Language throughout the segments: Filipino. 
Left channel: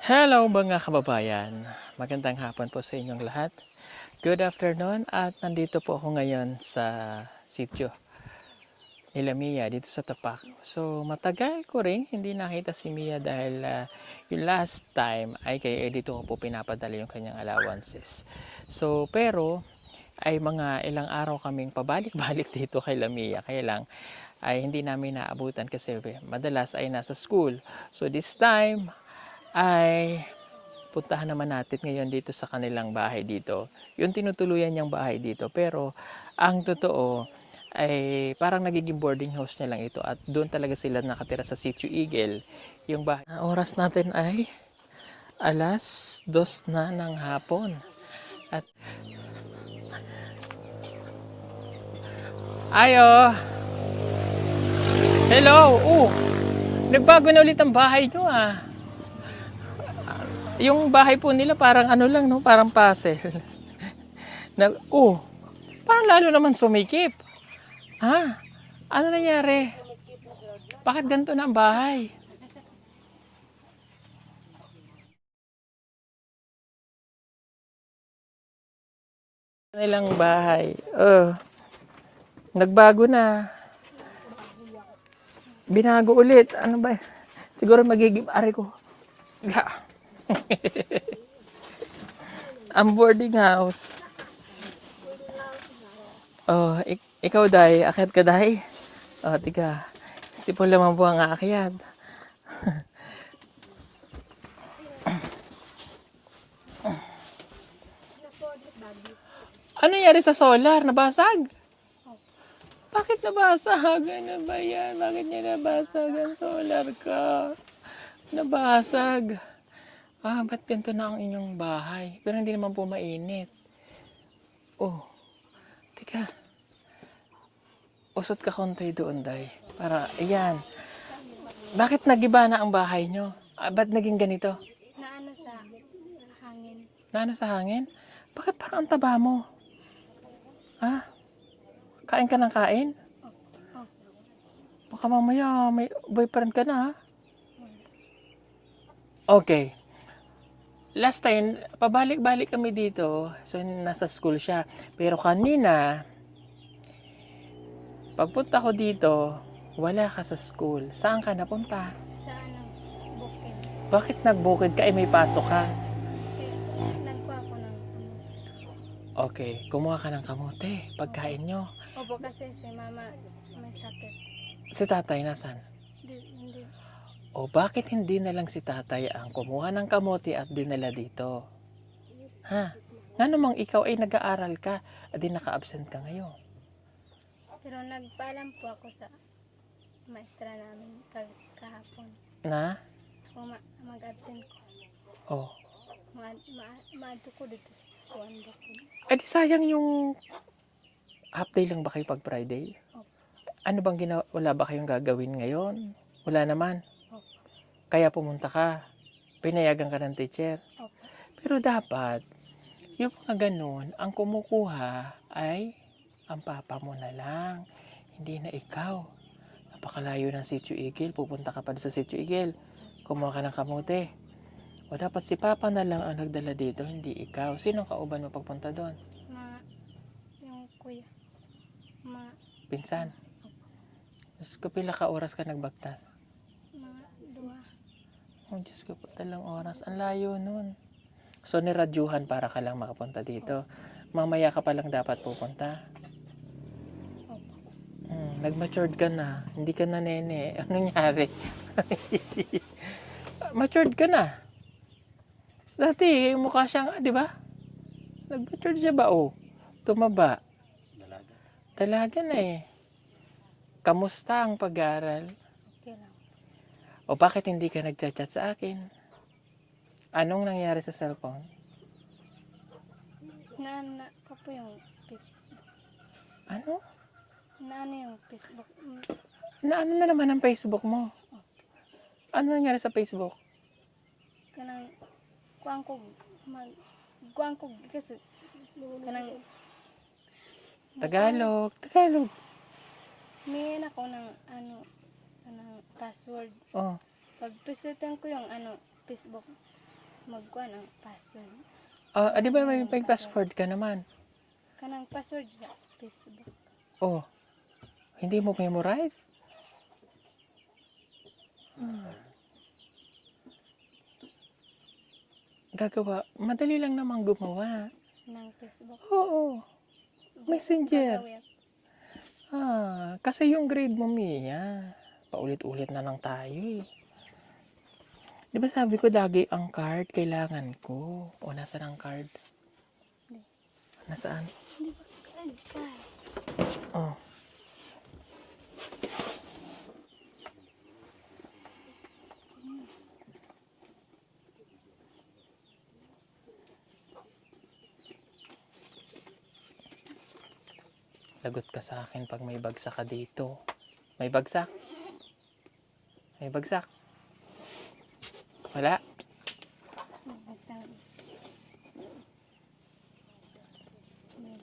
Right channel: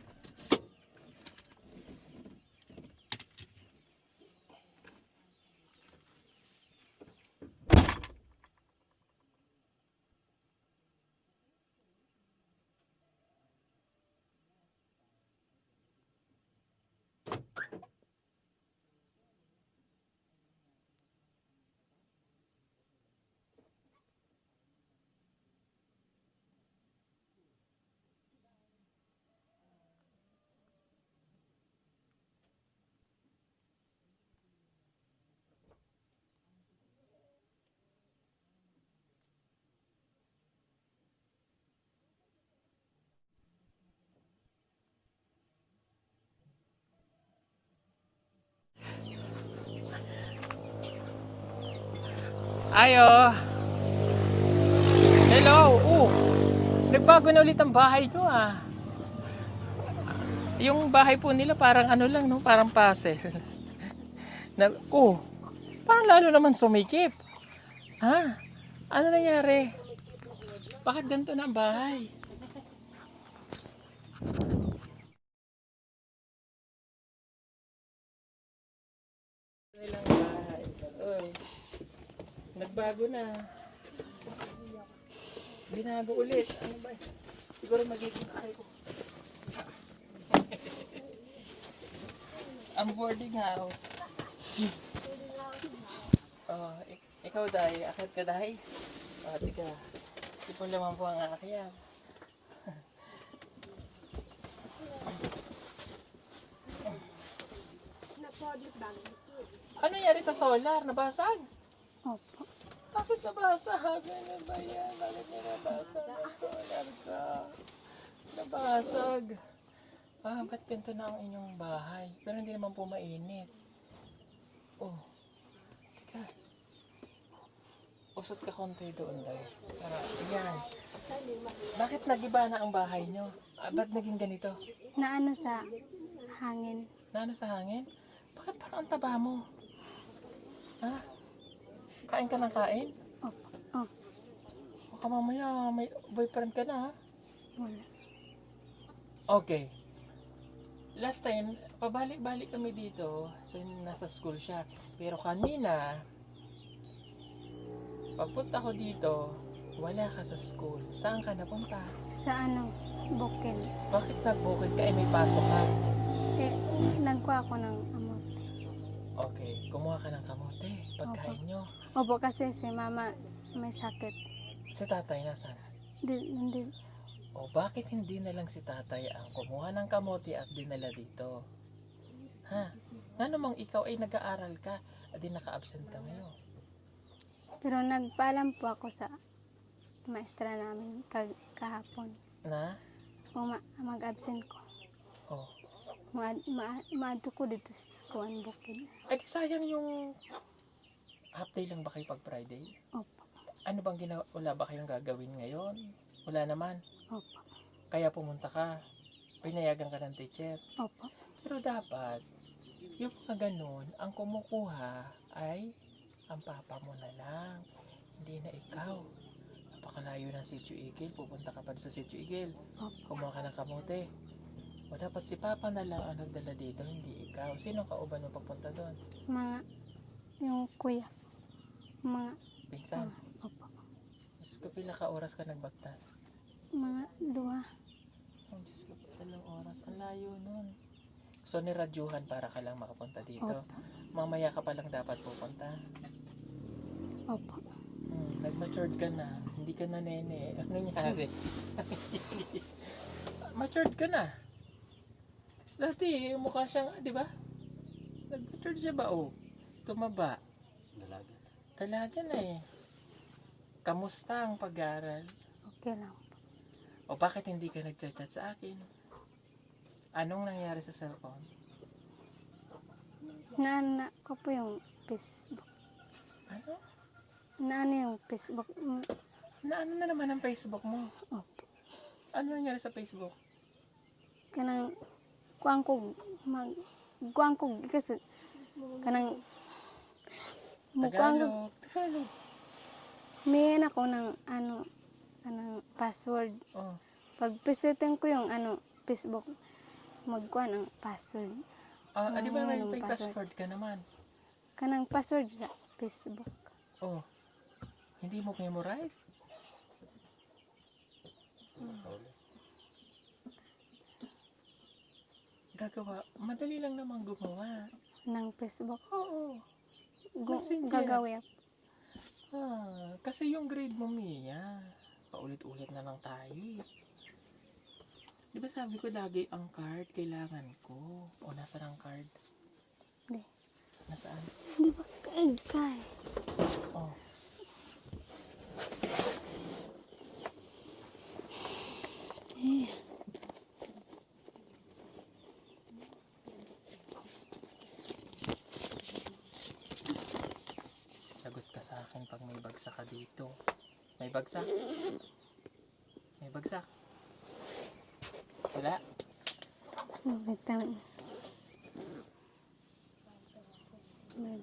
Hello mga kababayan, magandang hapon po sa inyong lahat. Good afternoon at nandito po ako ngayon sa sitio nila Mia dito sa Tapak. So matagal ko rin hindi nakita si Mia dahil yung last time ay kay dito ko po pinapadala yung kanyang allowances. So pero ay mga ilang araw kaming pabalik-balik dito kay Lamia. Kaya lang ay hindi namin naabutan kasi madalas ay nasa school. So this time ay puntahan naman natin ngayon dito sa kanilang bahay dito. Yung tinutuluyan niyang bahay dito. Pero ang totoo ay parang nagiging boarding house niya lang ito at doon talaga sila nakatira sa Sitio Eagle. Yung bahay. Ang oras natin ay alas 2 na ng hapon. At ayo, hello. Nagbago na ulit ang bahay nyo ah. Yung bahay po nila parang ano lang no, parang puzzle. Na, parang lalo naman sumikip. Ha? Ano nangyari? Bakit ganito na ang bahay? Nilang bahay. Nagbago na. Binago ulit. Ano ba? Siguro magiging ari ko. Ang boarding house. Ikaw day, akyat ka day? Tiga. Si Paul naman po ang aakyat. Ano nangyari sa solar? Nabasag? Bakit nabasag? Ano ba yan? Bakit niya nabasag ang solar ka? Nabasag. Ba't ganito na ang inyong bahay? Pero hindi naman po mainit. Teka. Usot ka konti doon, day. Para, ayan. Bakit nagiba na ang bahay nyo? Ba't naging ganito? Naano sa hangin. Naano sa hangin? Bakit parang ang taba mo? Kain ka ng kain? Opo. Baka mamaya may boyfriend ka na ha? Wala. Okay. Last time, pabalik-balik kami dito. So, nasa school siya. Pero kanina, pagpunta ko dito, wala ka sa school. Saan ka napunta? Sa bukid. Bakit nagbukid ka? May pasok ka. Nagkuha ako ng amot. Okay, kumuha ka ng kamote. Pagkain nyo. Opo, kasi si mama may sakit. Si tatay nasan? Hindi. Bakit hindi na lang si tatay ang kumuha ng kamote at dinala dito? Ha? Nga namang ikaw ay nag-aaral ka at di naka-absent ka ngayon. Pero nagpaalam po ako sa maestra namin kahapon. Na? Kung mag-absent ko. Maadto ko dito sa bukid. Di sayang yung half day lang ba kayo pag Friday? Opo. Ano bang wala ba kayong gagawin ngayon? Wala naman. Opo. Kaya pumunta ka. Pinayagan ka ng teacher. Opo. Pero dapat, yung mga ganun, ang kumukuha ay ang papa mo na lang. Hindi na ikaw. Napakalayo ng Sitio Eagle. Pupunta ka pa sa Sitio Eagle. Kumuha ka ng kamote. Dapat si papa na lang ang nagdala dito, hindi ikaw. Sino kauban mo pagpunta doon? Yung kuya. Pinsan? Opo. Diyos ko, pila ka oras ka nagbagtas? Mga 2. Diyos ko, talang oras. Ang layo nun. So, niradyuhan para ka lang makapunta dito. Mamaya ka pa lang dapat pupunta. Opo. Nag-matured ka na. Hindi ka na nene. Anong nangyari? Matured ka na. Dati, mukha siyang, di ba? Nag-matured siya ba? Tumaba. Dalaga na eh. Kamusta ang pag-aaral? Okay lang. Bakit hindi ka nag-chat sa akin? Anong nangyari sa cellphone? Naana ko po yung Facebook. Ano? Naano yung Facebook? Ano na naman ang Facebook mo? Opo. Ano nangyari sa Facebook? Kanang kuang ko kasi kanang Tagalog. may ako ng kanang password. Pag presetan ko yung Facebook, magkuan ang password. Di ba may Password. password ka naman? Kanang password sa Facebook. Oh, hindi mo memorize? Gagawa. Madali lang naman gumawa. Ng Facebook. Oo. Messenger. Gagawin ako. Kasi yung grade mo, Mia, paulit-ulit na lang tayo eh. Di ba sabi ko lagi ang card kailangan ko? O nasaan ang card? Hindi. Nasaan? Di ba card ka? Oh. Lagot ka sa akin pag may bagsak ka dito. May bagsak? May bagsak? Wala? Bitaw. May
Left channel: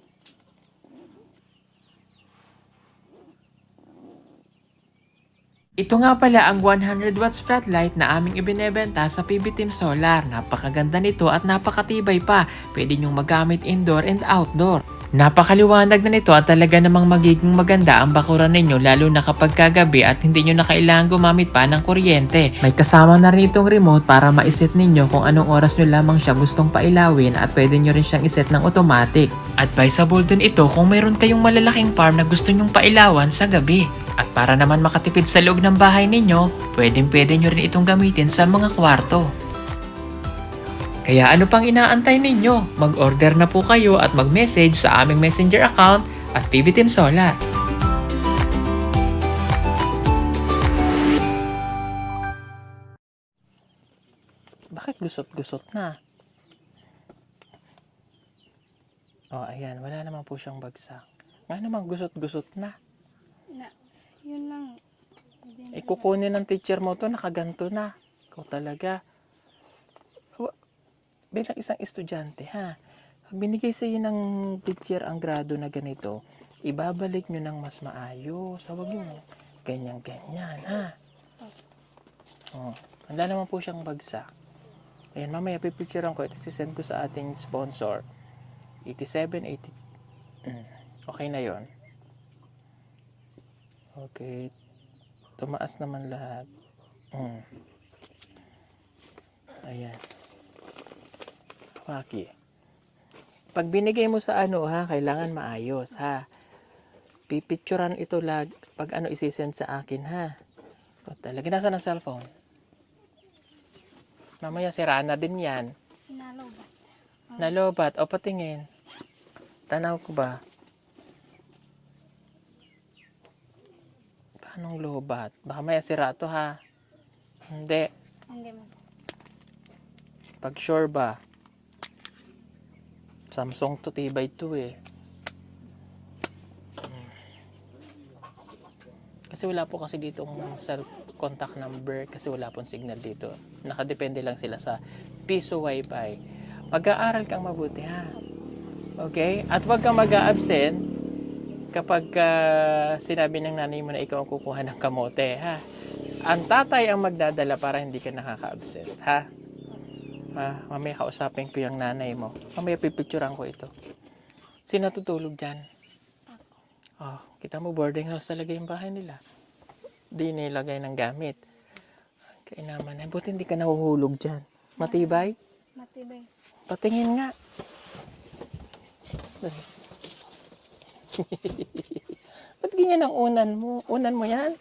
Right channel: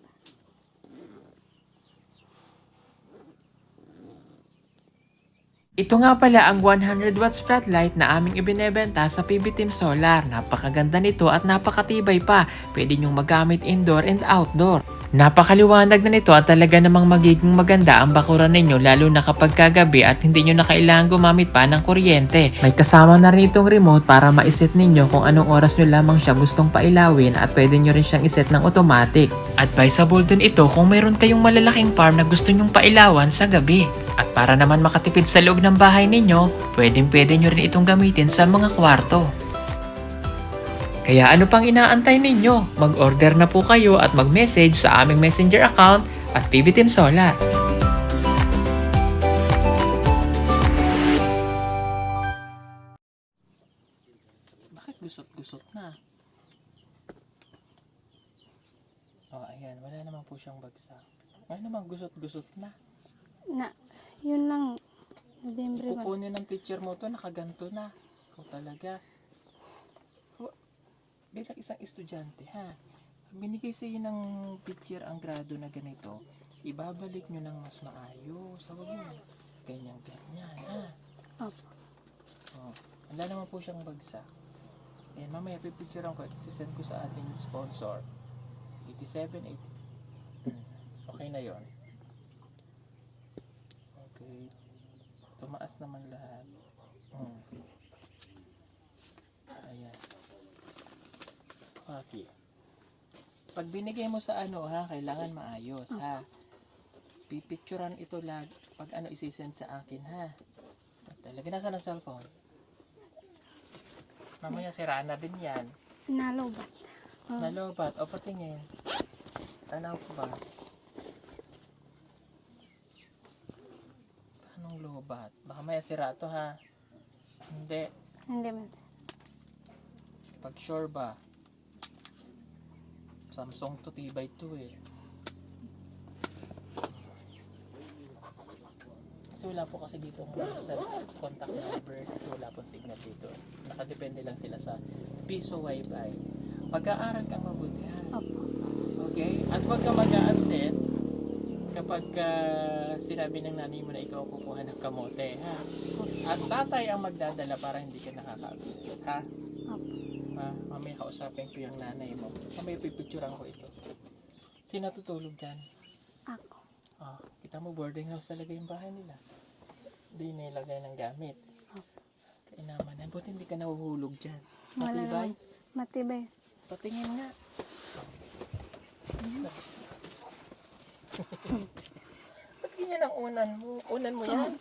Ito nga pala ang 100 watts floodlight na aming ibinebenta sa PB Team Solar. Napakaganda nito at napakatibay pa. Pwede nyong magamit indoor and outdoor. Napakaliwanag na nito at talaga namang magiging maganda ang bakuran ninyo lalo na kapag kagabi at hindi nyo na kailangan gumamit pa ng kuryente. May kasama na rin itong remote para maiset ninyo kung anong oras nyo lamang siya gustong pailawin at pwede nyo rin siyang iset ng automatic. Advisable din ito kung mayroon kayong malalaking farm na gusto nyong pailawan sa gabi. At para naman makatipid sa loob ng bahay ninyo, pwede nyo rin itong gamitin sa mga kwarto. Kaya ano pang inaantay ninyo? Mag-order na po kayo at mag-message sa aming messenger account at PB Team Solar. Bakit gusot-gusot na? Ayan. Wala naman po siyang bagsak. Ngayon naman gusot-gusot na. yun lang. November ba? Kukunin ng teacher mo to, nakaganto na. Ikaw talaga. Bilang isang estudyante, ha? Pag binigay sa iyo ng teacher ang grado na ganito, ibabalik nyo ng mas maayos. Huwag nyo ganyan-ganyan, ha? Wala naman po siyang bagsak. Ayan, mamaya pipicturean ko. Ito sisend ko sa ating sponsor. 87, 80. Okay na yon. Okay. Tumaas naman lahat. Ayan. Waki. Pag binigay mo sa kailangan maayos, ha? Pipicturean ito pag isisend sa akin, ha? Talaga, nasa ng cellphone? Mamaya sira na din yan. Nalobat. Nalobat. O, patingin. Tanaw ko ba? Paanong lobat? Baka maya sira to, ha? Hindi. Hindi man. Pag sure ba? Samsung to, tibay to eh. Kasi wala po kasi dito self-contact number kasi wala pong signal dito. Nakadepende lang sila sa piso wifi. Mag-aaral kang mabuti, ha? Okay? At huwag kang mag-a-absent kapag sinabi ng nanay mo na ikaw ang kukuha ng kamote, ha? Ang tatay ang magdadala para hindi ka nakaka-absent, ha? Mamaya kausapin ko yung nanay mo. Mamaya pipicturean ko ito. Sino tutulog dyan? Ako. Kita mo boarding house talaga yung bahay nila. Di nilagay ng gamit. Kaya naman, buti hindi ka nahuhulog dyan. Matibay? Matibay. Patingin nga. Ba't ganyan ang unan mo? Unan mo yan?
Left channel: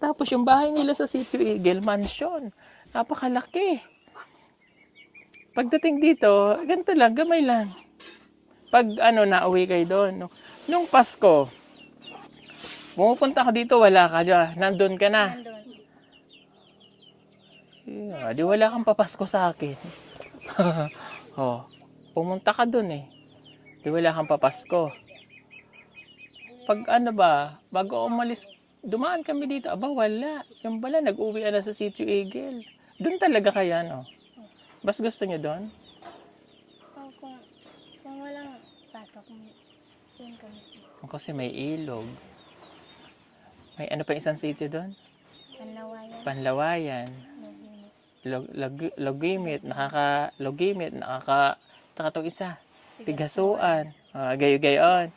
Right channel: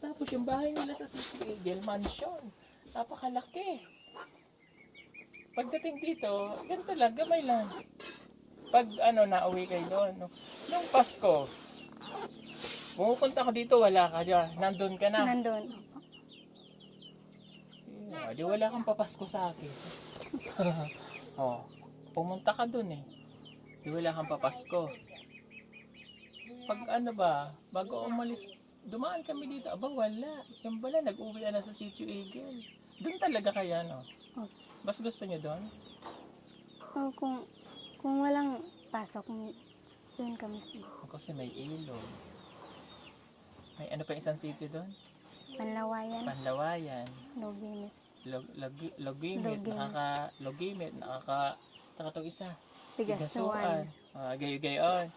Tapos yung bahay nila sa Sitio Eagle, mansion. Napakalaki. Pagdating dito, ganito lang, gamay lang. Pag nauwi kayo doon. Nung Pasko, pumupunta ko dito, wala ka dyan. Nandun ka na. Nandun. Di wala kang papasko sa akin. Pumunta ka doon eh. Di wala kang papasko. Pag bago umalis, dumaan kami dito. Aba, wala. Yung pala, nag-uwi na sa Sitio Eagle. Doon talaga kaya, no? Bas gusto nyo doon? Kung walang pasok, yun kami. Kasi may ilog. May pa isang sitio doon? Panlawayan. Panlawayan, Logimit. logimit, logimit, nakatong isa. Pigasuan. Pigasuan. Gayo-gayon.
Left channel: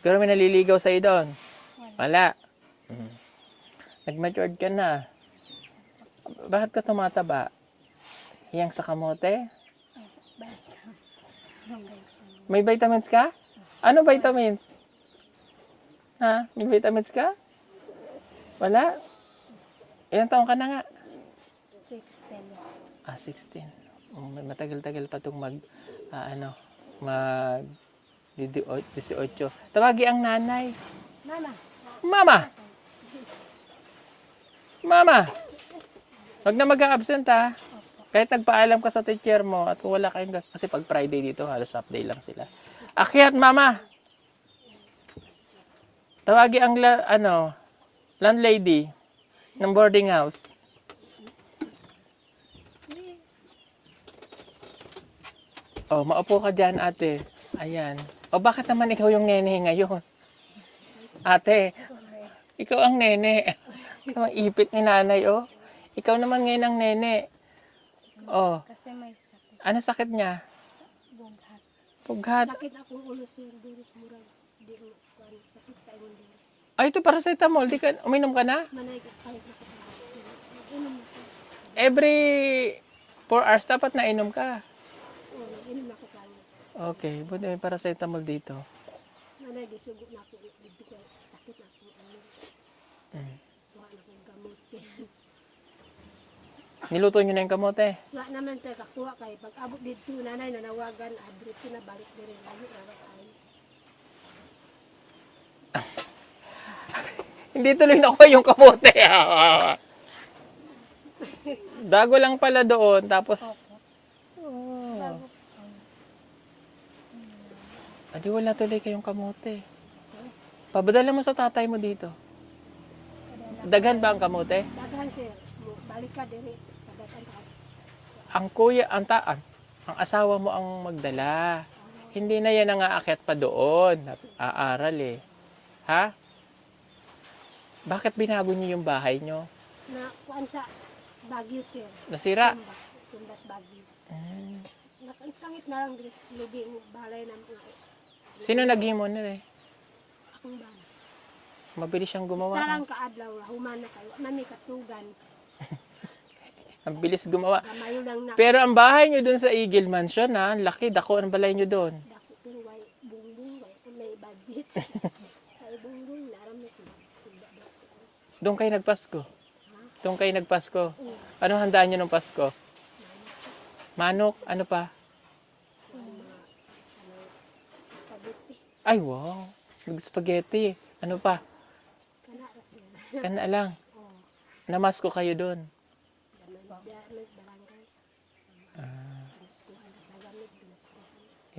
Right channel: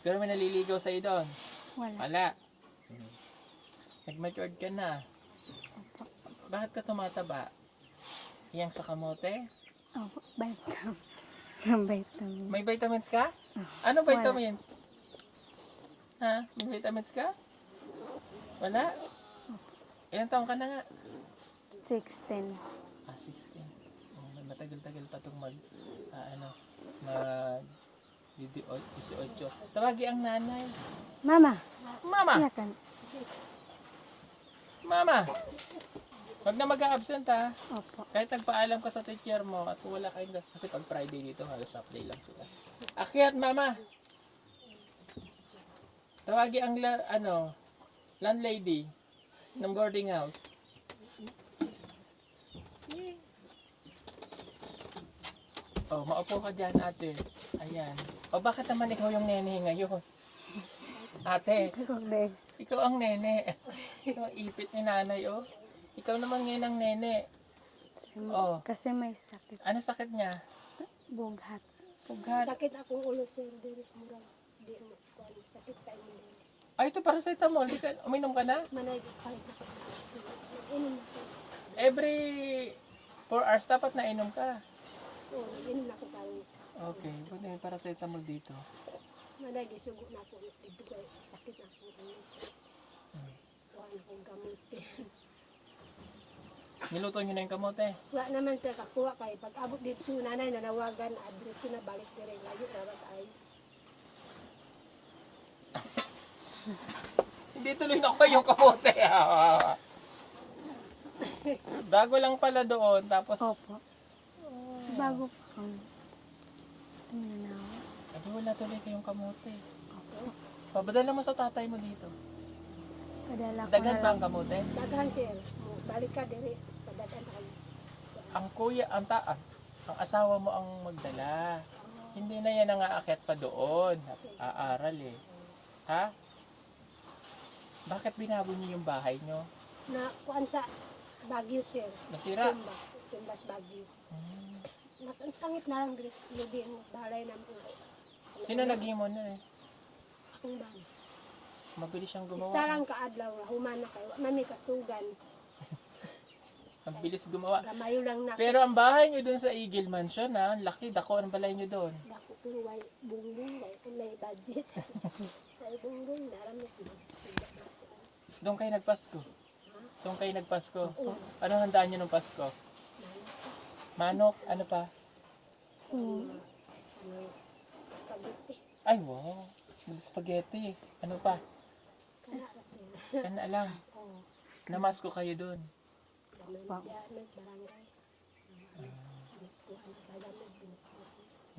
Pero may naliligaw sa'yo doon. Wala. Wala. Nag-matured ka na. Bakit ka tumataba? Yang sa kamote? Opo. Vitamin. Vitamin. May vitamins ka? Ano vitamins? Ha? May vitamins ka? Wala? Ilang taon ka na nga? 16. 16. Matagal-tagal pa itong mag 18. Tawagi ang nanay. Mama. Mama! Natan. Mama! Huwag na mag-absent ha. Opo. Kahit nagpaalam ka sa teacher mo at kung wala kayong kasi pag Friday dito halos half day lang sila. Akyat mama. Tawagi ang landlady ng boarding house. Oh, maupo ka dyan, ate. Ayan. O bakit naman ikaw yung nene ngayon? Ate, Bes. ikaw ang nene. Ang ipit ni nanay, oh. Ikaw naman ngayon ang nene. Oh, Kasi may sakit. ano sakit niya? Bughat. Pughat. Sakit akong ulo, sir. Dili mura. Di mo kuan sakit pa imong dili. Ay, ito paracetamol. Di ka, uminom ka na? Manay ka palit na ko. Nag-inom na ko. Every 4 hours dapat na inom ka. Oo, nag-inom na ko karon. Okay, buti may paracetamol dito. Manay gisugo na ko dito kay sakit na ko. Kuha na kong gamot. Niluto nyo na yung kamote. Wa naman sa kakuha kay pag abot dito nanay nanawagan adrotso na balik dire layo na ba tayo. Hindi tuloy nakuha yung kamote. Dago lang pala doon. Tapos, Opo. Bago pa. adi wala tuloy kayong kamote. Pabadala mo sa tatay mo dito. Padala ko Daghan na- ba ang kamote? Daghan sir. Balik ka dire. Padagan ka. Ang kuya, ang asawa mo ang magdala. Hindi na yan ang aakyat pa doon. Aaral eh. Ha? Bakit binago niyo yung bahay niyo? Na kuan sa Baguio sir. Nasira. Tumbas Baguio. Sangit na lang dire. Hindi mo balay na mo. Sino naghimo nila eh? Akong ba? Mabilis siyang gumawa. Isa lang kaadlaw, human na kayo. Nami katugan. Ang bilis gumawa. Kamayo lang na. Pero ang bahay niyo doon sa Eagle Mansion ha, ang laki, dako ang balay niyo doon. Dako tuway, bungbong, may budget. Ay bungbong, naram na sila. Doon kayo nagpasko. Doon kayo nagpasko. Ano handaan niyo ng Pasko? Manok, ano pa? Spaghetti. Ay wow, nag-spaghetti. Ano pa? Kana ra sila. Kana lang. Namasko kayo doon. May barangay. Eskuhan, tagamit din sila.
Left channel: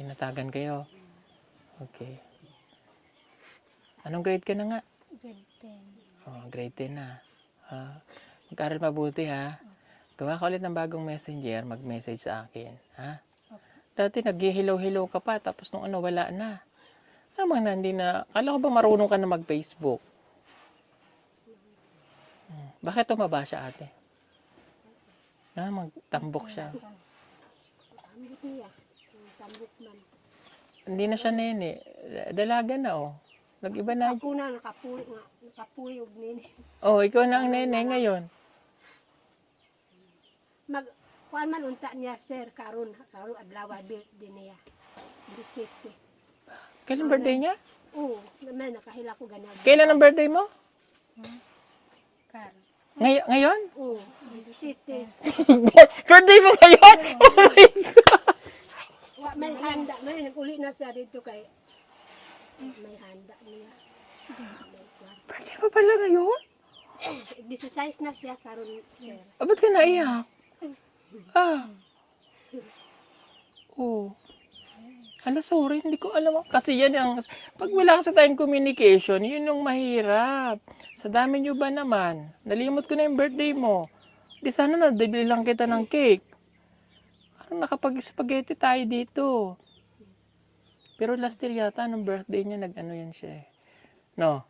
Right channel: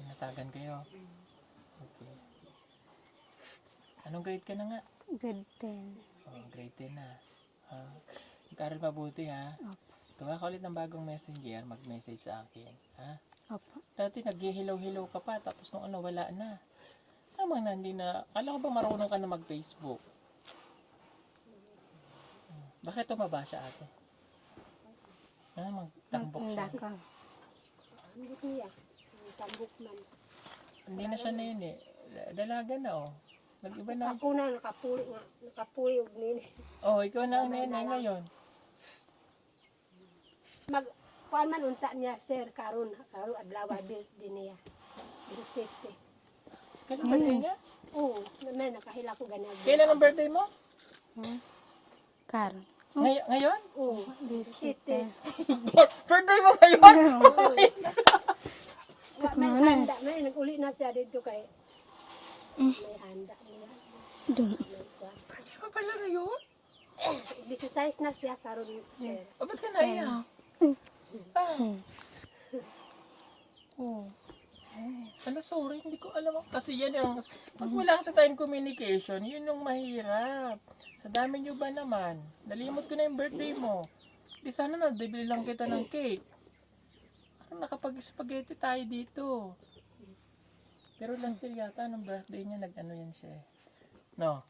Inatagan kayo. Okay. Anong grade ka na nga? Grade 10. Oh, grade 10 na. Mag-aral mabuti ha. Gawa ka ulit ng bagong messenger, mag-message sa akin. Ha? Opo. Dati nag-hello-hello ka pa, tapos nung wala na. Namang hindi na, kala ko ba marunong ka na mag-Facebook? Bakit tumaba siya ate? Magtambok siya. Laka. Ambot niya. Ang tambok man. Hindi na siya nene. Dalaga na oh. Nag-iba na. Ako na nakapuli nga. Nakapuli og nini. Oh, ikaw na ang nene ngayon. Kuan man unta niya sir karon adlaw build din niya. Bisite. Kailan birthday niya? Oo, naman nakahila ko ganag. Kailan ang birthday mo? Karon. Ngayon? Oo, bisite. Birthday mo ngayon? May handa na nag-uli na siya dito kay may handa niya. Birthday mo pala ngayon? 16 na siya karon sir. Ba't ka naiyak? Oh. Ala, sorry, hindi ko alam. Kasi yan ang, pag wala ka sa tayong communication, yun yung mahirap. Sa dami nyo ba naman? Nalimot ko na yung birthday mo. Di sana nadibili lang kita ng cake. Parang nakapag-spaghetti tayo dito. Pero last year yata, nung birthday niya, nag-ano yan siya eh. No?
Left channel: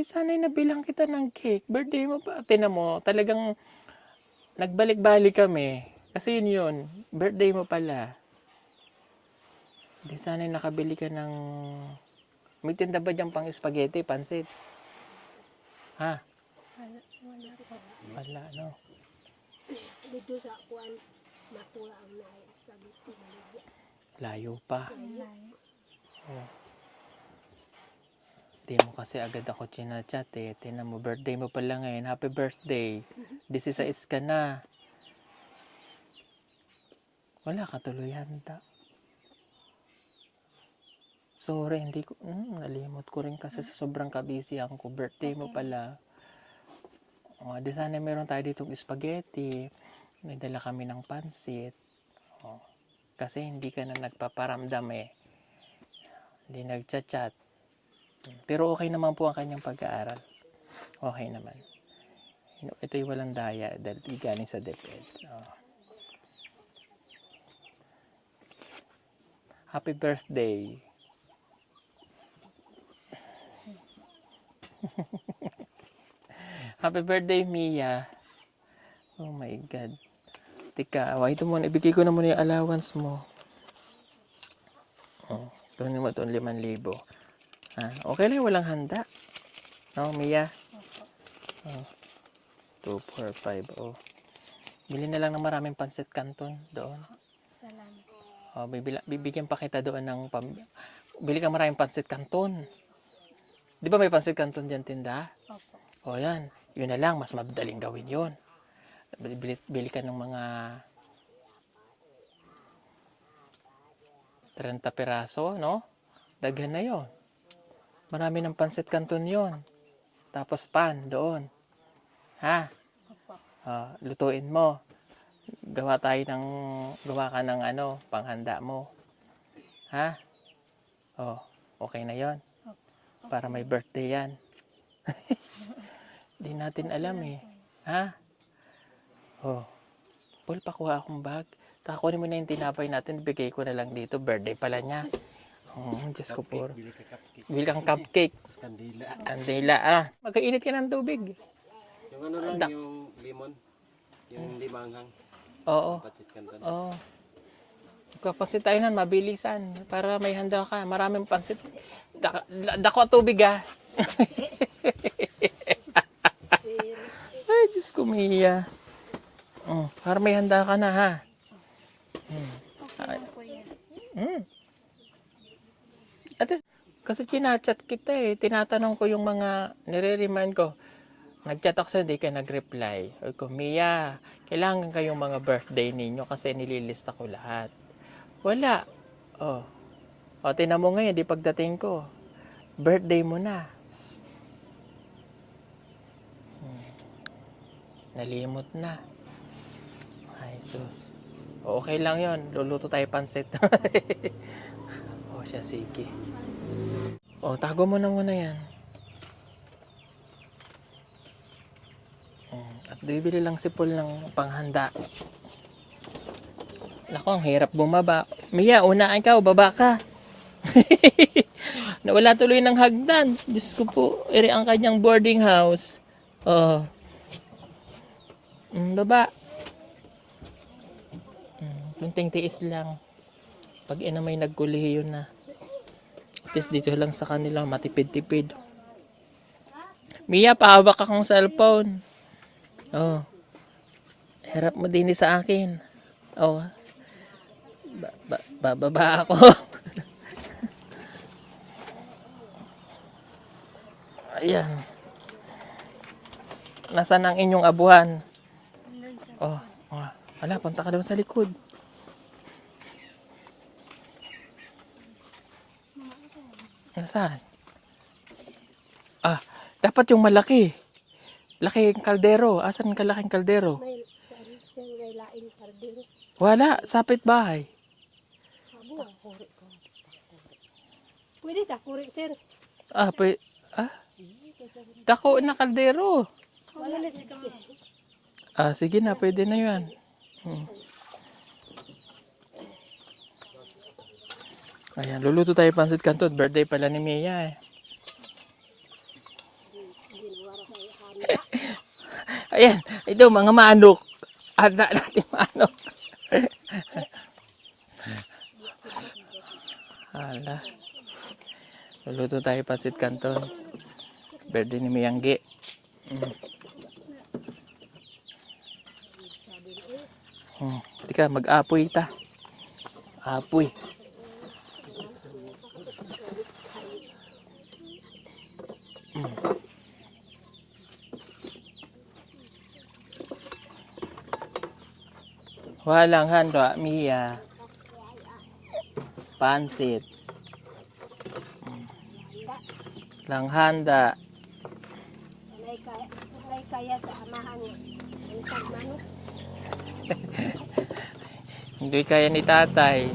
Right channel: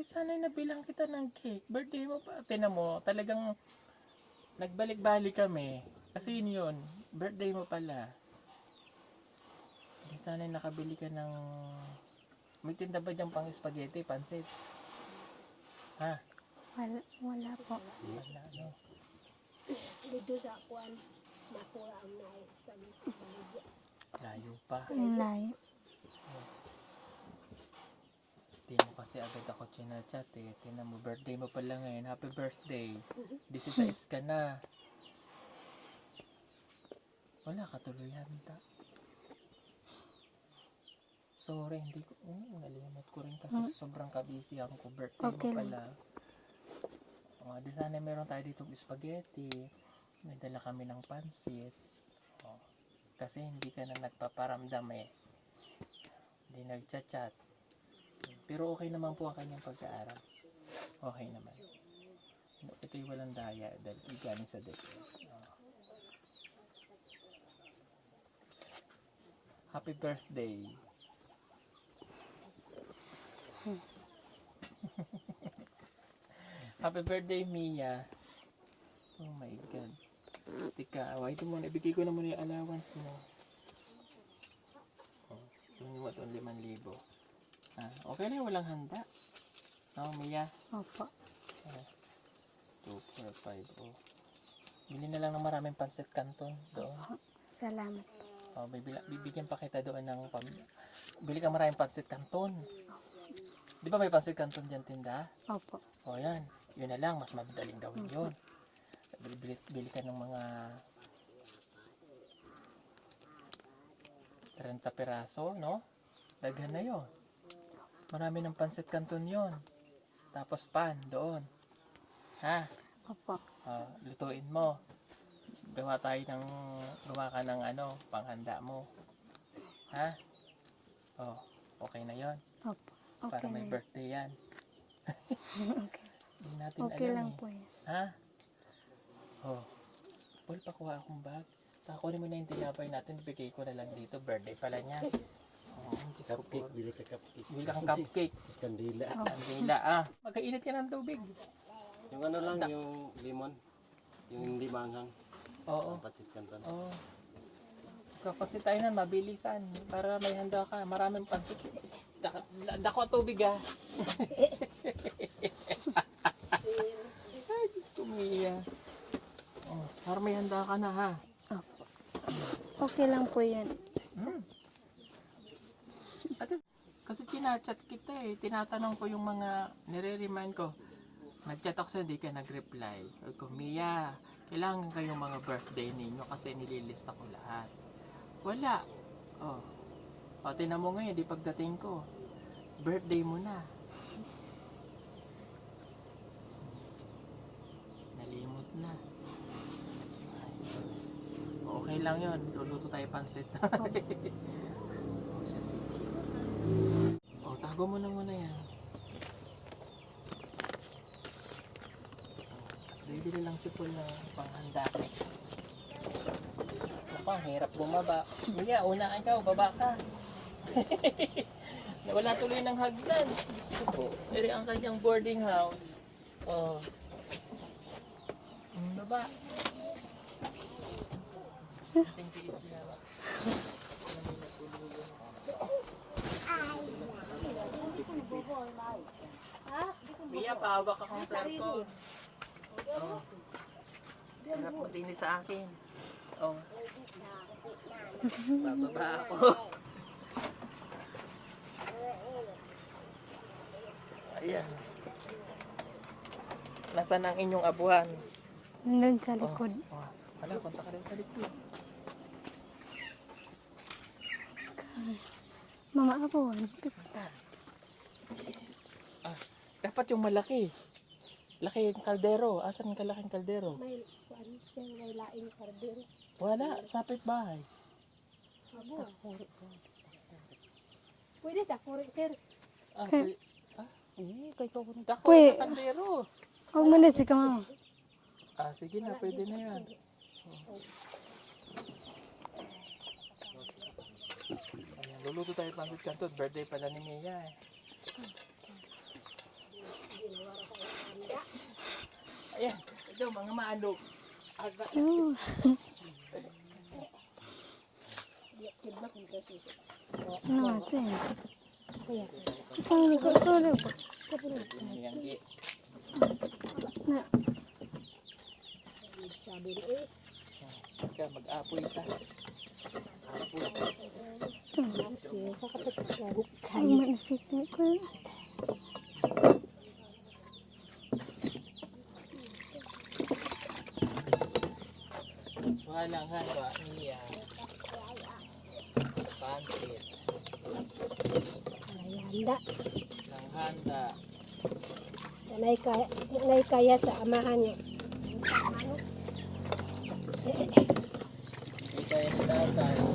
Di sana'y nabilang kita ng cake. Birthday mo pa. Tinan mo, talagang nagbalik-balik kami. Kasi yun. Birthday mo pala. Di sana'y nakabili ka ng... May tinda ba dyan pang spaghetti, pansit? Ha? Wala po. Wala, no? Dito sa kuan, makula ang na spaghetti. Layo pa. Ang layo. Di mo kasi agad ako chinachat eh. Tinan mo, birthday mo pala ngayon. Happy birthday. 16 ka na. Wala ka tuloy handa. Sorry, hindi ko, nalimot ko rin kasi sa sobrang kabisi ako. Birthday mo Okay pala. O, di sana meron tayo ditong spaghetti. May dala kami ng pansit. O, kasi hindi ka na nagpaparamdam eh. Hindi nagchat-chat. Pero okay naman po ang kanyang pag-aaral. Okay naman. Ito'y walang daya dahil galing sa DepEd. Oh. Happy birthday. Happy birthday, Mia. Oh my God. Tika, ito muna. Ibigay ko na muna yung allowance mo. Oh, doon mo doon 5,000. Ah, okay lang, walang handa. No, Mia? Opo. 2, 4, 5. Oh. Bili na lang ng maraming pansit canton doon. Salamat. Oh, bibigyan pa kita doon ng bili ka maraming pansit canton. Di ba may pansit canton dyan tinda? Opo. O yan, yun na lang, mas madaling gawin yun. Bili ka ng mga 30 piraso, no? Daghan na yun. Marami ng pansit canton yun. Tapos pan doon. Ha? Opo. Lutuin mo. Gawa ka ng panghanda mo. Ha? Oh, okay na yon. Opo. Okay. Para may birthday yan. Di natin Okay alam lang eh. po yan. Ha? Oh. Paul, pakuha akong bag. Takunin mo na yung tinapay natin. Bigay ko na lang dito. Birthday pala niya. Oh, Diyos ko po. Bili ka cupcake. Bili kang cupcake. Tapos kandila. Kandila. Magkainit ka ng tubig. Yung ano lang, yung lemon. Yung limanghang. Oo. Patsit kanton. Oo. Kapasit tayo nun, mabilisan. Para may handa ka. Maraming pansit. Dako tubig ah. Ay, Diyos ko, Mia. Oh, para may handa ka na ha. Okay lang po yan. Ate, kasi chinachat kita eh. Tinatanong ko yung mga nire-remind ko. Nag-chat ako sa hindi ka nag-reply. Sabi ko, Mia, kailangan kayong mga birthday ninyo kasi nililista ko lahat. Wala. Oh. O, tinan mo ngayon, di pagdating ko. Birthday mo na. Nalimot na. Ay, sus. O, okay lang yon. Luluto tayo pansit. O, siya, sige. O, tago mo na muna yan. At bibili lang si Paul ng panghanda. Naku, ang hirap bumaba. Mia, una ikaw, baba ka. Nawala tuloy ng hagdan. Diyos ko po, iri ang kanyang boarding house. Oh. Baba. Kunting tiis lang. Pag ina may nagkulihi yun na. Kasi dito lang sa kanila, matipid-tipid. Mia, pahawak akong cellphone. Oh. Harap mo din sa akin. Oh. Bababa ako. Ayan. Nasaan ang inyong abuhan? Nandun sa likod. Wala, punta ka doon sa likod. Mga abon. Nasaan? Dapat yung malaki. Laking kaldero. Asan ka laking kaldero? May siyang lain kardin. Wala, sapit bahay. Pwede ta, kuri sir. Dako na kaldero. Huwag mo na si Kamama. Sige na, pwede na yan. Ayan, luluto tayo pansit canton. Birthday pala ni Mia eh. Ayan, ito mga manok. Handa natin manok. Hala, Asin. luluto tayo pasit kanto. Tulog po. Birthday ni Miyanggi. Na. Hindi ka, mag-apoy ta. Apoy. Ay, maisip ko ko. Walang handa, Mia. Pansit. Handa. Lang handa. Nanay kaya sa amahan niya. Manok. Hindi kaya ni tatay.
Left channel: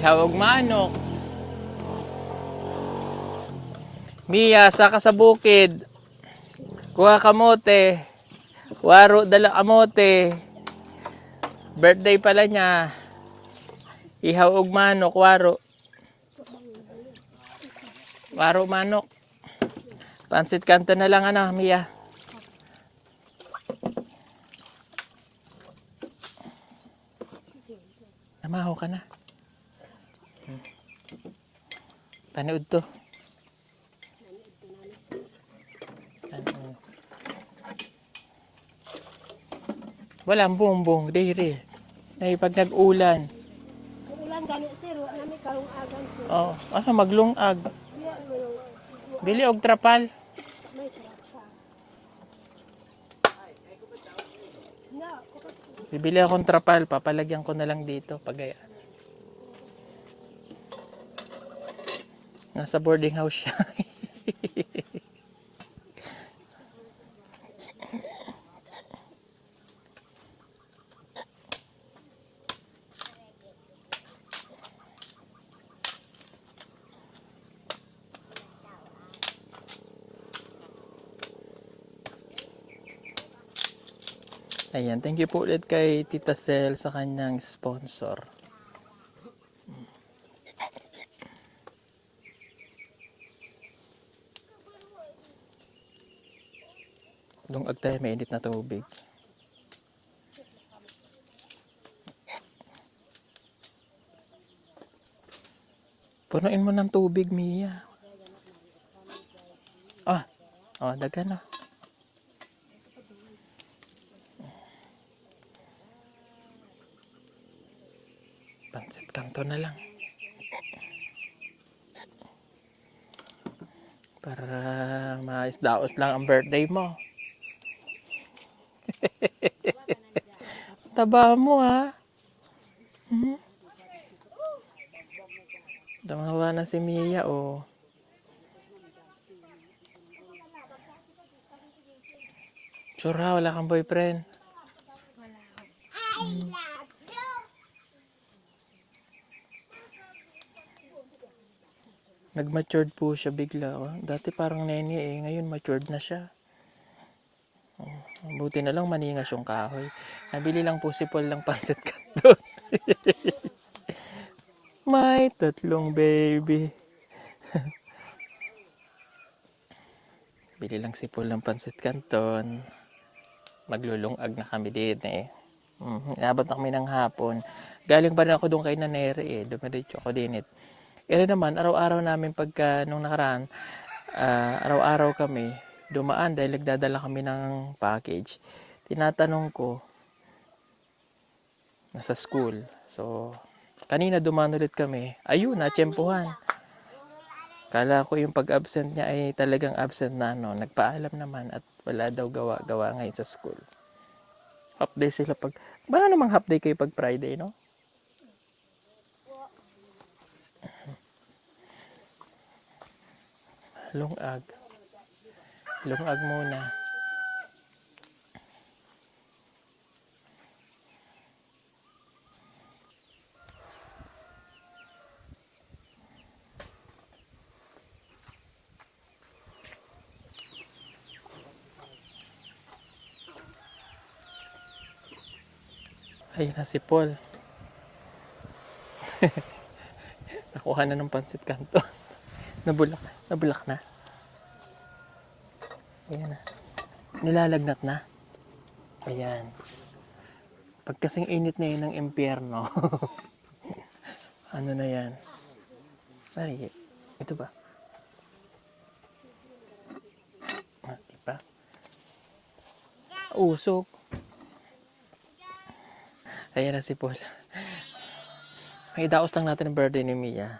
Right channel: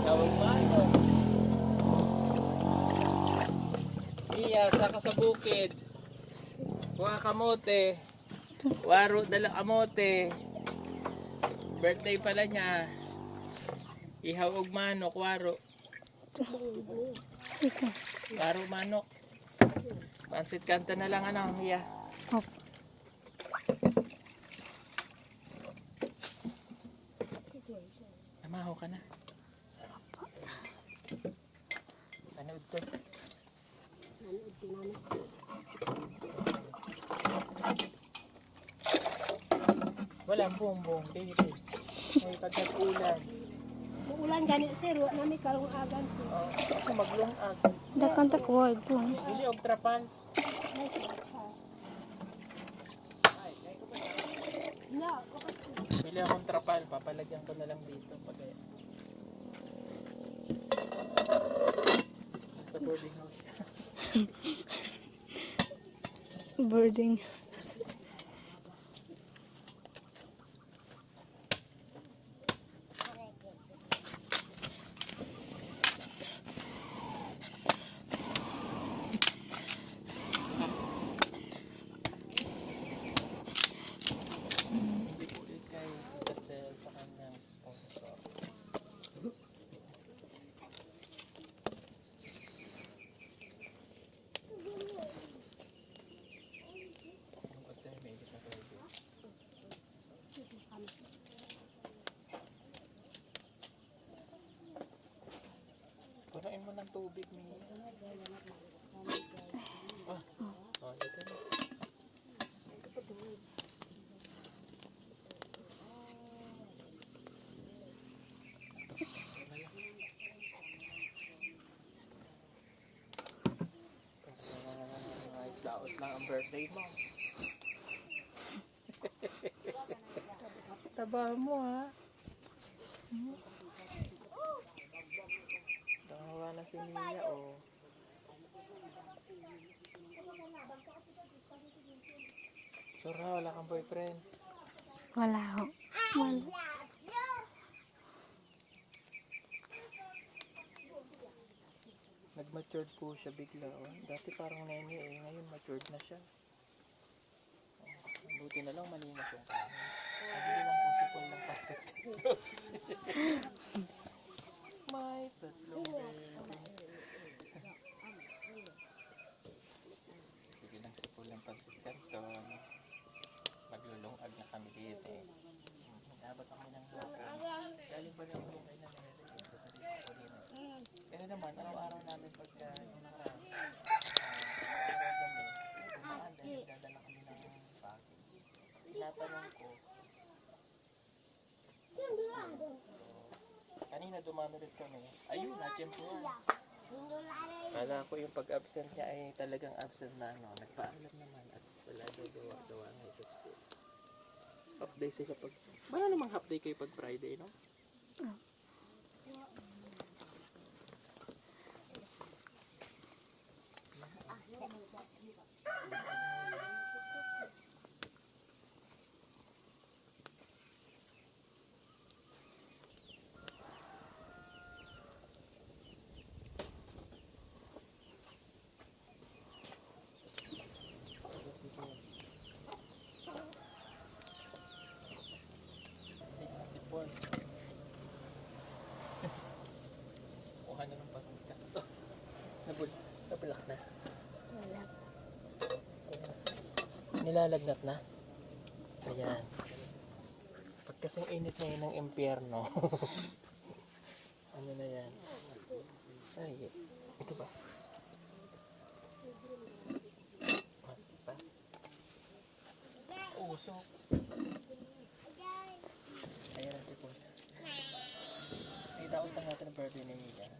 Ihawag manok. Mia, saka sa bukid. Kuha kamote. Waro, dala kamote. Birthday pala niya. Ihawag manok, waro. Sige. Waro manok. Pansit kanto na lang ano, Mia. Opo. Namaho ka na. Tanood to. Walang bumbong, diri. Ay, pag nag-ulan. Ulan gani sir, wala may karong agon sir. Oh, asa maglungag. Dakan ta ko po. Bili og trapal. Bili akong trapal, papalagyan ko na lang dito pagaya. Nasa boarding house siya. Boarding. Ayan, thank you po ulit kay Tita Sel sa kanyang sponsor. Lungag tayo, may init na tubig. Punuin mo ng tubig, Mia. Ah, oh, dagan na. Pansit kanto na lang. Para maisdaos lang ang birthday mo. Taba mo ha. Tamawa na si Mia oh. Sure ha, wala kang boyfriend. Wala ho. Nag-matured po siya bigla. Oh. Dati parang nene eh. Ngayon matured na siya. Oh, buti na lang maningas yung kahoy. Nabili lang po si Paul ng pansit kanton. May tatlong baby. Bili lang si Paul ng pansit kanton. Maglulungag na kami din eh. Inabot na kami ng hapon. Galing pa rin ako doon kay Nanere eh. Dumiretso ako din eh. Kaya naman, araw-araw namin pagka nung nakaraan, araw-araw kami dumaan dahil nagdadala kami ng package. Tinatanong ko, nasa school. So, kanina dumaan ulit kami. Ayun, natsyempuhan. Kala ko yung pag-absent niya ay talagang absent na no. Nagpaalam naman at wala daw gawa ngayon sa school. Half day sila pag... Baka namang half day kayo pag Friday, no? Lungag. Lungag muna. Ayun na si Paul. Nakuha na ng pansit kanto. Nabulak na. Ayan na. Nilalagnat na. Ayan. Pag kasing init ngayon ng impyerno, ano na yan? Ay, ito ba? Diba? Usok. Ayan na si Paul. May daos lang natin ang birthday ni Mia.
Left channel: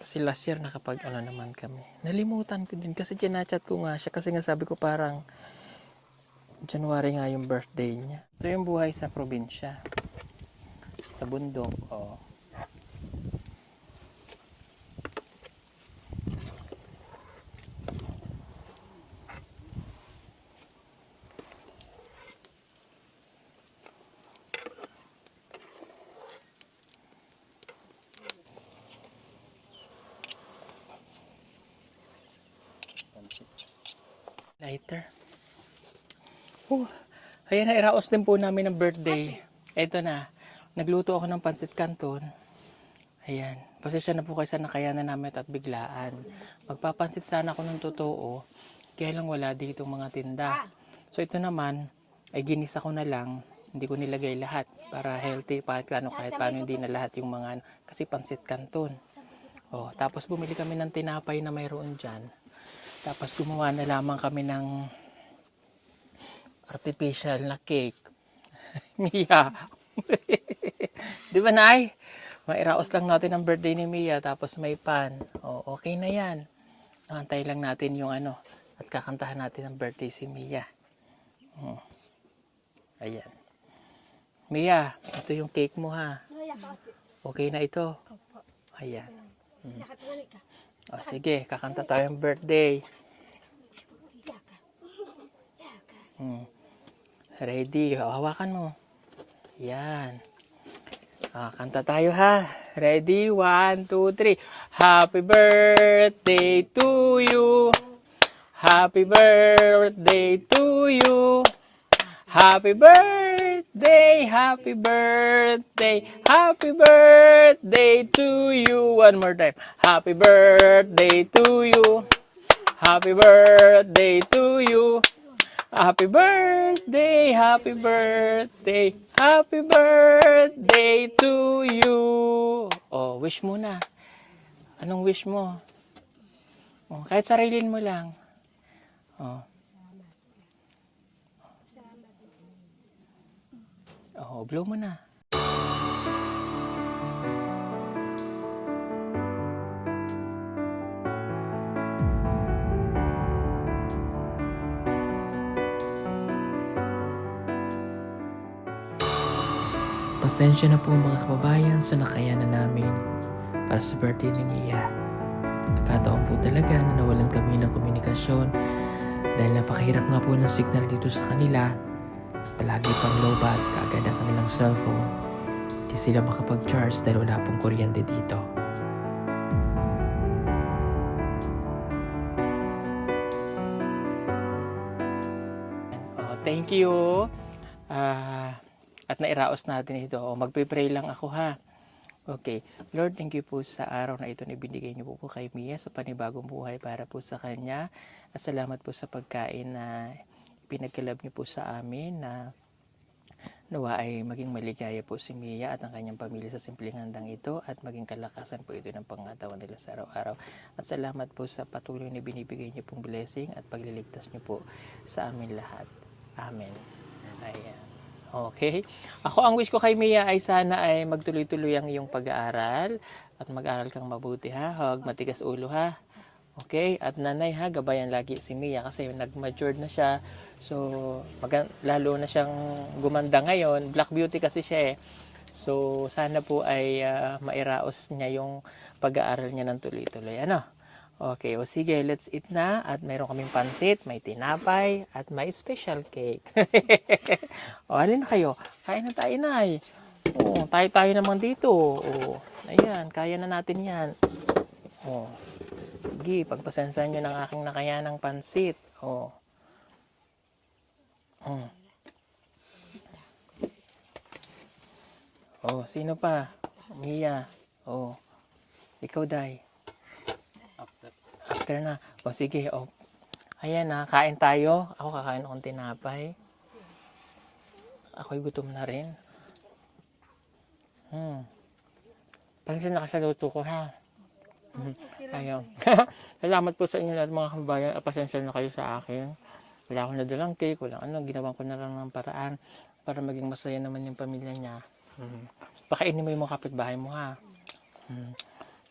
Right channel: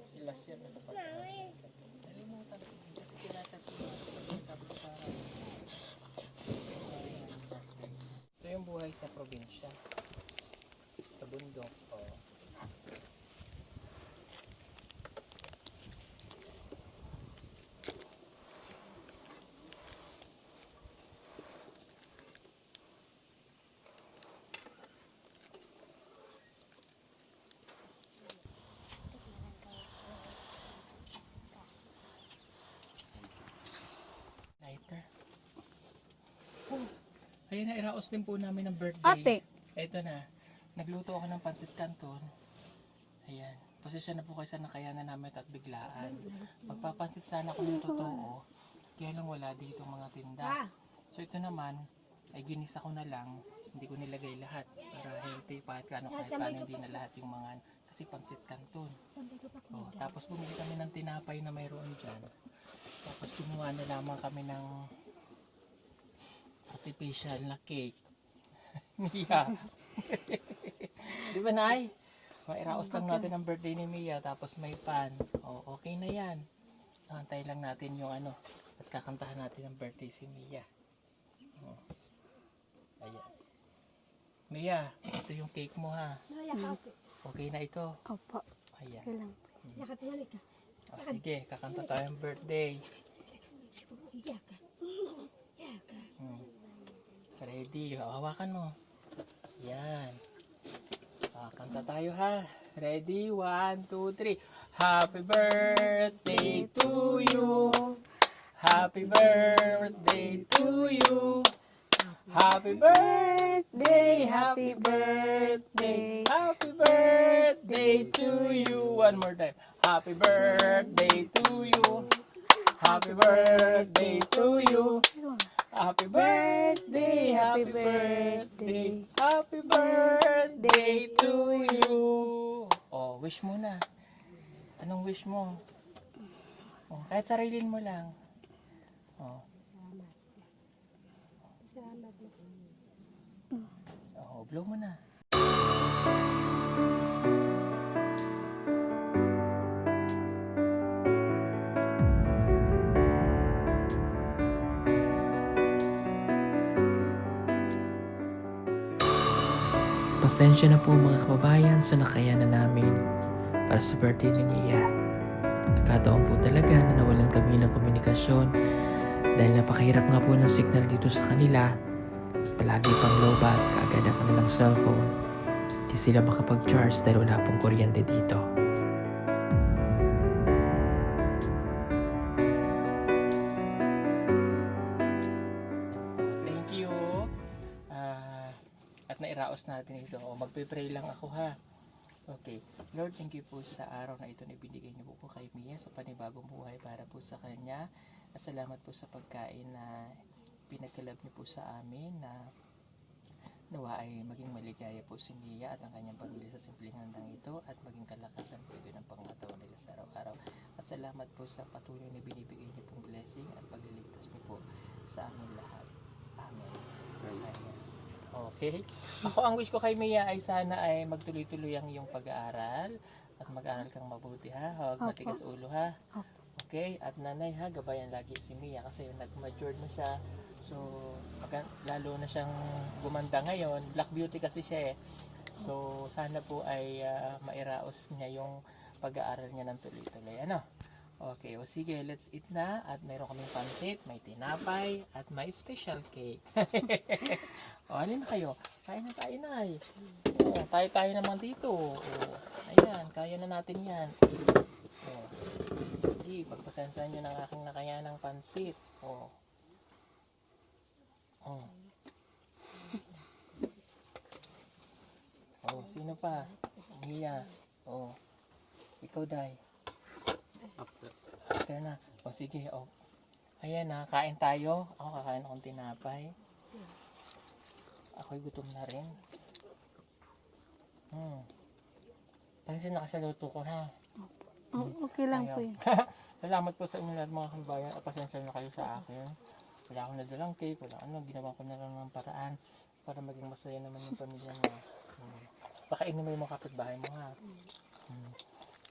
Kasi last year nakapag ano naman kami. Nalimutan ko din kasi chinachat ko nga siya kasi nga sabi ko parang January nga yung birthday niya. Ito yung buhay sa probinsya. Sa bundok. Oh. Lighter. Oh, ayan na, iraos din po namin ng birthday. Ito na, nagluto ako ng pansit canton. Ayan, pasensya na po kayo sa nakayanan namin at biglaan. Magpapansit sana ako ng totoo, kaya lang wala dito mga tinda. So ito naman, ay ginisa ko na lang, hindi ko nilagay lahat para healthy, kahit paano hindi na lahat yung mga, kasi pansit canton. Oh, tapos bumili kami ng tinapay na mayroon dyan. Tapos gumawa na lamang kami ng artificial na cake. Mia. Di ba, Nay? Mairaos lang natin ang birthday ni Mia, tapos may pan. O, okay na yan. Antay lang natin yung ano, at kakantahan natin ang birthday si Mia. Ayan. Mia, ito yung cake mo ha. Okay na ito. Opo. Ayan. Yakap balik ka. O, sige, kakanta tayong birthday. Ready? Hawakan mo. Yan. Kanta tayo ha. Ready? 1, 2, 3. Happy birthday to you. Happy birthday to you. Happy birthday, happy birthday, happy birthday to you. One more time. Happy birthday to you. Happy birthday to you. Happy birthday, happy birthday, happy birthday to you. Oh, wish mo na. Anong wish mo? Oh, kahit sarilin mo lang. Oh. Oh, blow mo na. Pasensya na po mga kababayan sa nakayanan namin para sa birthday ni Mia. Nagkataon po talaga na nawalan kami ng komunikasyon dahil napakahirap nga po ng signal dito sa kanila. Palagi pang low bat kaagad ang kanilang cellphone. Di sila makapag-charge dahil wala pong kuryente dito. Thank you. At nairaos natin ito. Magpipray lang ako ha. Okay. Lord, thank you po sa araw na ito na ibinigay niyo po kay Mia sa panibagong buhay para po sa kanya. At salamat po sa pagkain na pinagkalab niyo po sa amin na nawa ay maging maligaya po si Mia at ang kanyang pamilya sa simpleng handang ito at maging kalakasan po ito ng pangatawan nila sa araw-araw. At salamat po sa patuloy na binibigay niyo pong blessing at pagliligtas niyo po sa amin lahat. Amen. Ayan. Okay. Ako ang wish ko kay Mia ay sana ay magtuloy-tuloy ang iyong pag-aaral at mag-aaral kang mabuti ha. Huwag matigas ulo ha. Okay? At nanay ha, gabayan lagi si Mia kasi nag-matured na siya. So, lalo na siyang gumanda ngayon. Black beauty kasi siya eh. So, sana po ay mairaos niya yung pag-aaral niya ng tuloy-tuloy. Ano? Okay, o sige, let's eat na. At mayroon kaming pansit, may tinapay, at may special cake. O, halin na kayo. Kain na tayo, Nay. O, tayo naman dito. O, ayan, kaya na natin yan. O, sige, pagpasensahan nyo ng aking nakayanang pansit. O. O, sino pa? Mia. O, ikaw, Day. After na. O sige, o. Ayan na, kain tayo. Ako kakain akong tinapay. Ako'y gutom na rin. Pansin na ka sa luto ko, ha? Okay lang po Ayaw. eh. Salamat po sa inyo lahat mga kabayan. Pasensya na kayo sa akin. Wala akong nadalang cake, wala ginawa ko na lang ng paraan para maging masaya naman yung pamilya niya. Pakainin mo yung mga kapitbahay mo, ha?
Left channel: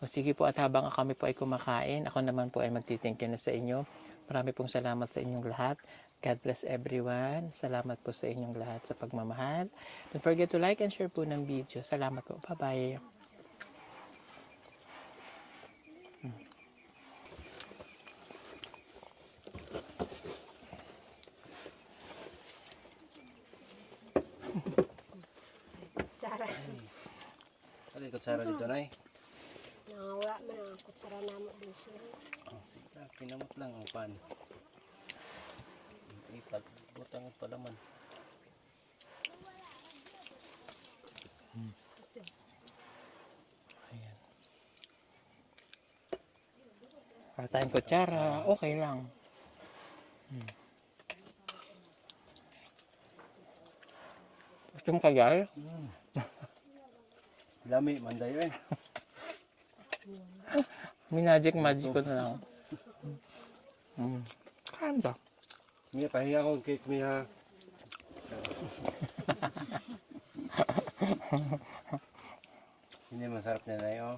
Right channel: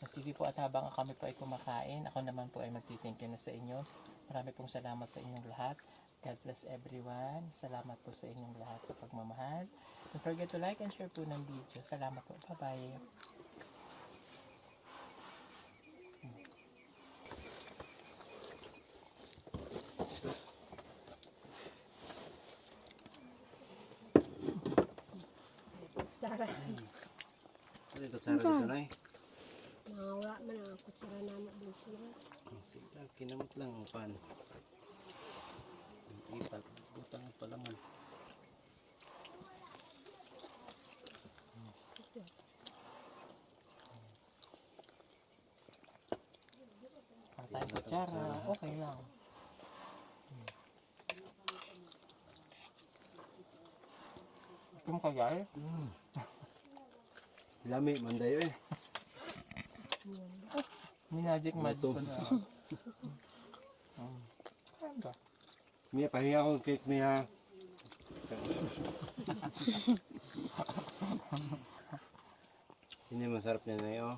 O sige po, at habang kami po ay kumakain, ako naman po ay magtitingin na sa inyo. Marami pong salamat sa inyong lahat. God bless everyone. Salamat po sa inyong lahat sa pagmamahal. Don't forget to like and share po ng video. Salamat po. Bye-bye. Sara. Ano yung kutsara dito, Nay? Wala man ang kutsara namo doon siya. Sige, kinamot lang ang pan. Ipag, utang pa naman. Para tayong kutsara, okay lang. Gusto mo kayal? Lami, manday eh. Magic ko na lang. Kanda. Miya, pahiya akong cake niya. Hindi masarap na, Nay, oh.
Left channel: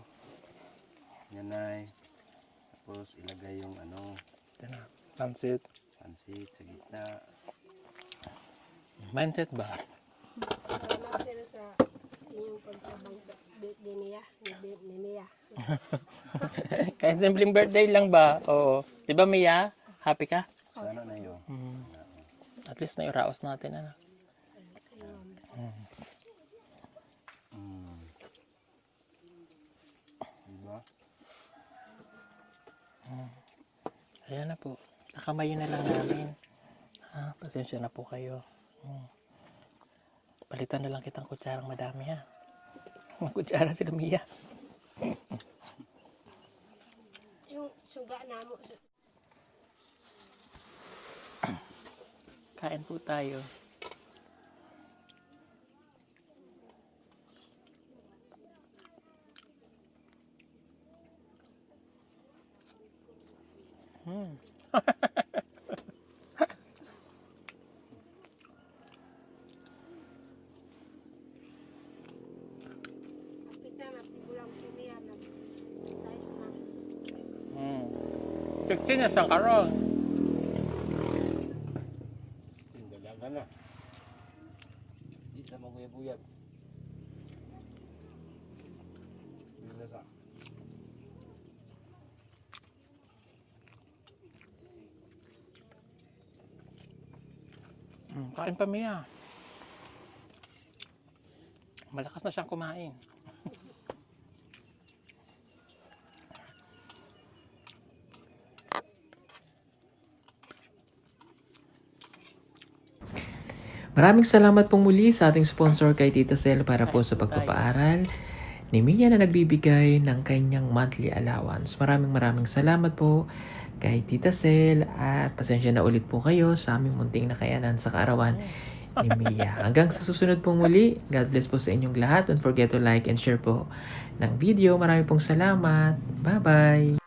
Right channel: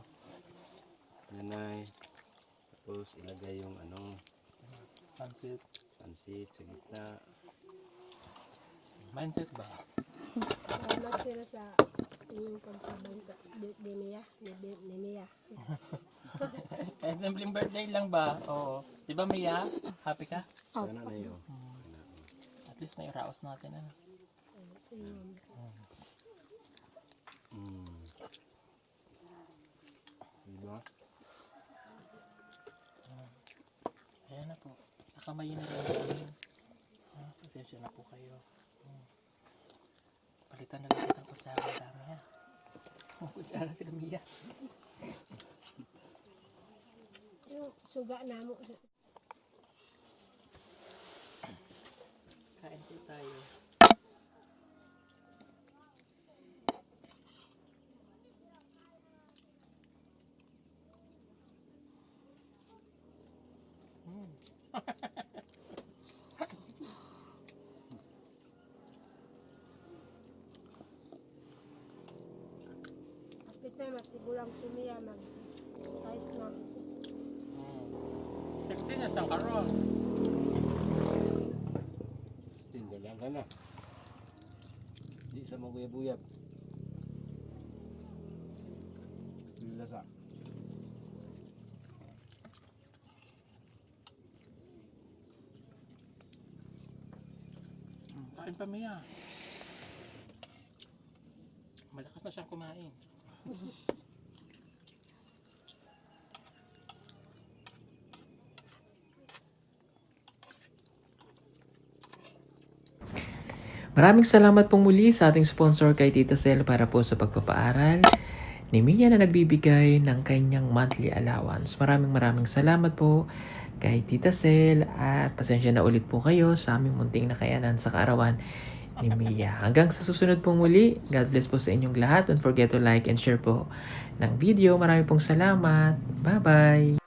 Yan, Nay. Tapos ilagay yung Pansit. pansit sa gitna. Mindset ba? Wala sila sa inyong pagkabang sa Dimiya. Kahit simpleng birthday lang ba? Oo. Di ba, Mia? Happy ka? Sana na yun. At least na-iraos natin, ano? Diba? Ayan na po. Nakamayin na lang namin. Pasensya na po kayo. Palitan na lang kitang kutsara na dami, ha? Kutsara si Mia. Yung suga namo. Kain po tayo. Kapita matigulang si Mia mag-size na. 16 na siyang karon. Tinda lang ka na. Di sa mga buyab. Bila sa. Kain pa, Mia. Malakas na siyang kumain. Maraming salamat pong muli sa ating sponsor kay Tita Sel para po sa pagpapaaral ni Mia na nagbibigay ng kanyang monthly allowance. Maraming salamat po kay Tita Sel at pasensya na ulit po kayo sa aming munting nakayanan sa kaarawan ni Mia. Hanggang sa susunod pong muli, God bless po sa inyong lahat. Don't forget to like and share po ng video. Maraming pong salamat. Bye-bye!